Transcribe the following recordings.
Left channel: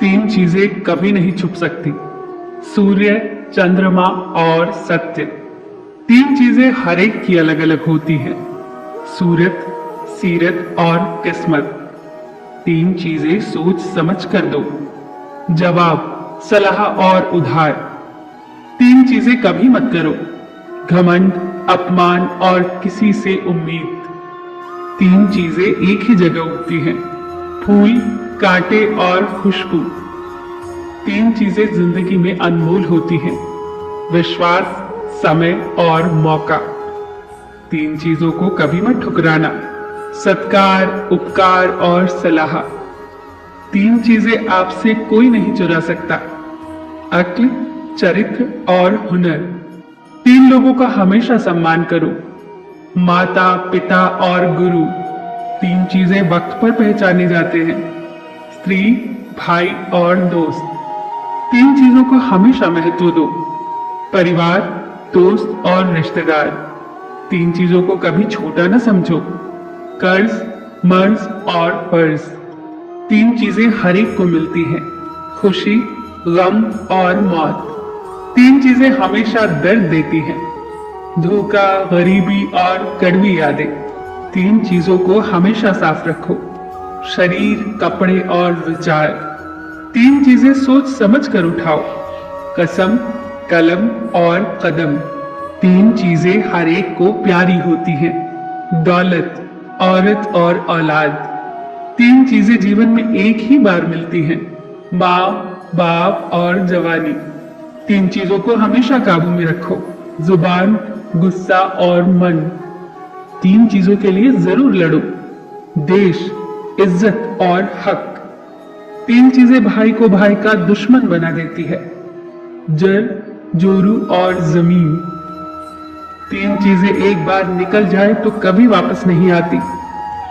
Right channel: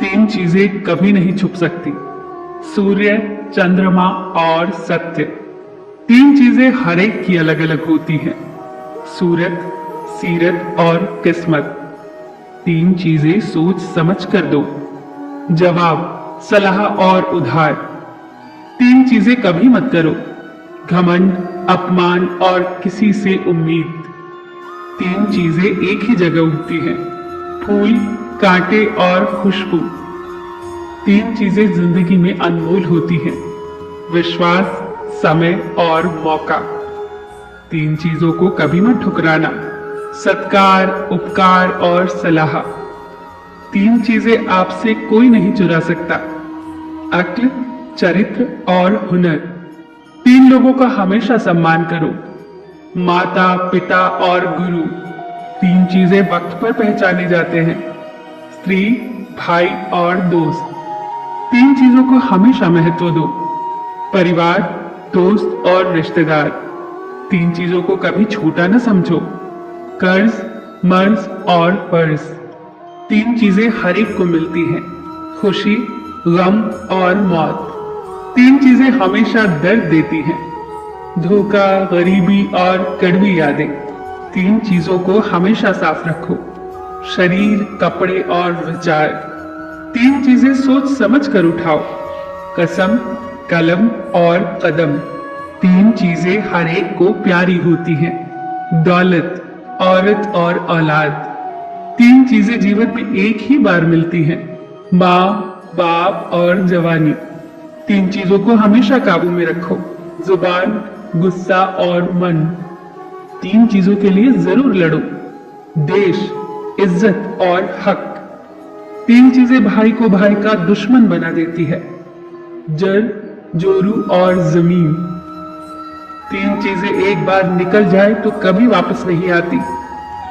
तीन चीजें कभी नहीं छुप सकती, सूर्य, चंद्रमा और सत्य। तीन चीजें हर एक की अलग अलग होती हैं, सूरत, सीरत और किस्मत। तीन चीजें सोच समझ कर दो, जवाब, सलाह और उधार। तीन चीजें कभी मत करो, घमंड, अपमान और किसी से उम्मीद। तीन चीजें एक ही जगह उगती हैं, फूल, कांटे और खुशबू। तीन चीजें जिंदगी में अनमोल होती हैं, विश्वास, समय और मौका। तीन चीजों को कभी मत ठुकराना, सत्कार, उपकार और सलाह। तीन चीजें आपसे कोई नहीं चुरा सकता, अक्ल, चरित्र और हुनर। तीन लोगों का हमेशा सम्मान करो, माता, पिता और गुरु। तीन चीजें वक्त पर पहचाने जाते हैं, स्त्री, भाई और दोस्त। तीन चीजों को हमेशा महत्व दो, परिवार, दोस्त और रिश्तेदार। तीन चीजों को कभी छोटा न समझो, कर्ज, मर्ज और फर्ज। तीन चीजें हर एक को मिलती हैं, खुशी, गम और मौत। तीन चीजें हमेशा दर्द देती हैं, धोखा, गरीबी और कड़वी यादें। तीन चीजों को हमेशा साफ रखो, शरीर, कपड़े और विचार। तीन चीजें सोच समझ कर उठाओ, कसम, कलम और कदम। तीन चीजें हर एक को प्यारी होती हैं, दौलत, औरत और औलाद। तीन चीजें जीवन में एक ही बार मिलती हैं, माँ, बाप और जवानी। तीन चीजों को हमेशा काबू में रखो, जुबान, गुस्सा और मन। तीन चीजों के लिए जरूर लड़ो, देश, इज्जत और हक। तीन चीजें भाई को भाई का दुश्मन बना देती है, जड़, जोरू और जमीन। तीन चीजें एक बार निकल जाए तो कभी वापस नहीं आती,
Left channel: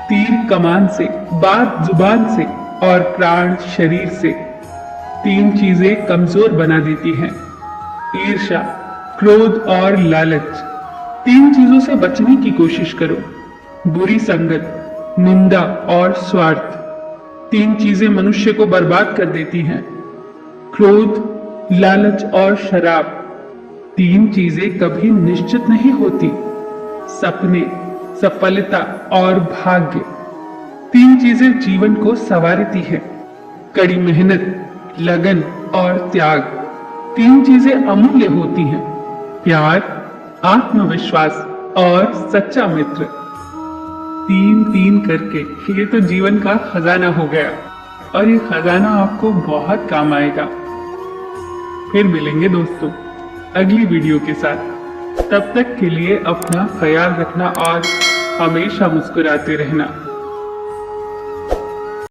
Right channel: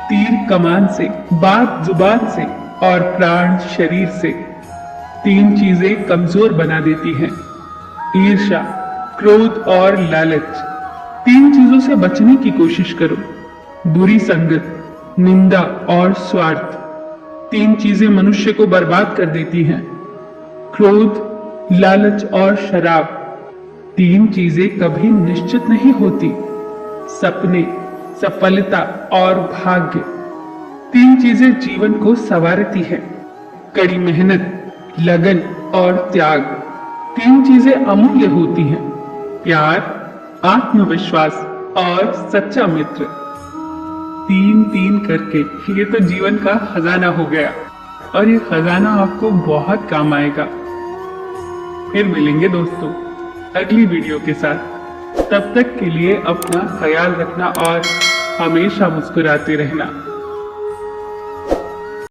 तीर कमान से, बात जुबान से और प्राण शरीर से। तीन चीजें कमजोर बना देती हैं, ईर्ष्या, क्रोध और लालच। तीन चीजों से बचने की कोशिश करो, बुरी संगत, निंदा और स्वार्थ। तीन चीजें मनुष्य को बर्बाद कर देती हैं, क्रोध, लालच और शराब। तीन चीजें कभी निश्चित नहीं होती, सपने, सफलता और भाग्य। तीन चीजें जीवन को संवारती हैं, कड़ी मेहनत, लगन और त्याग। तीन चीजें अमूल्य होती हैं, प्यार, आत्मविश्वास और सच्चा मित्र। तीन तीन करके ये तो जीवन का खजाना हो गया, और ये खजाना आपको बहुत काम आएगा। फिर मिलेंगे दोस्तों अगली वीडियो के साथ। तब तक के लिए अपना ख्याल रखना और हमेशा मुस्कुराते रहना।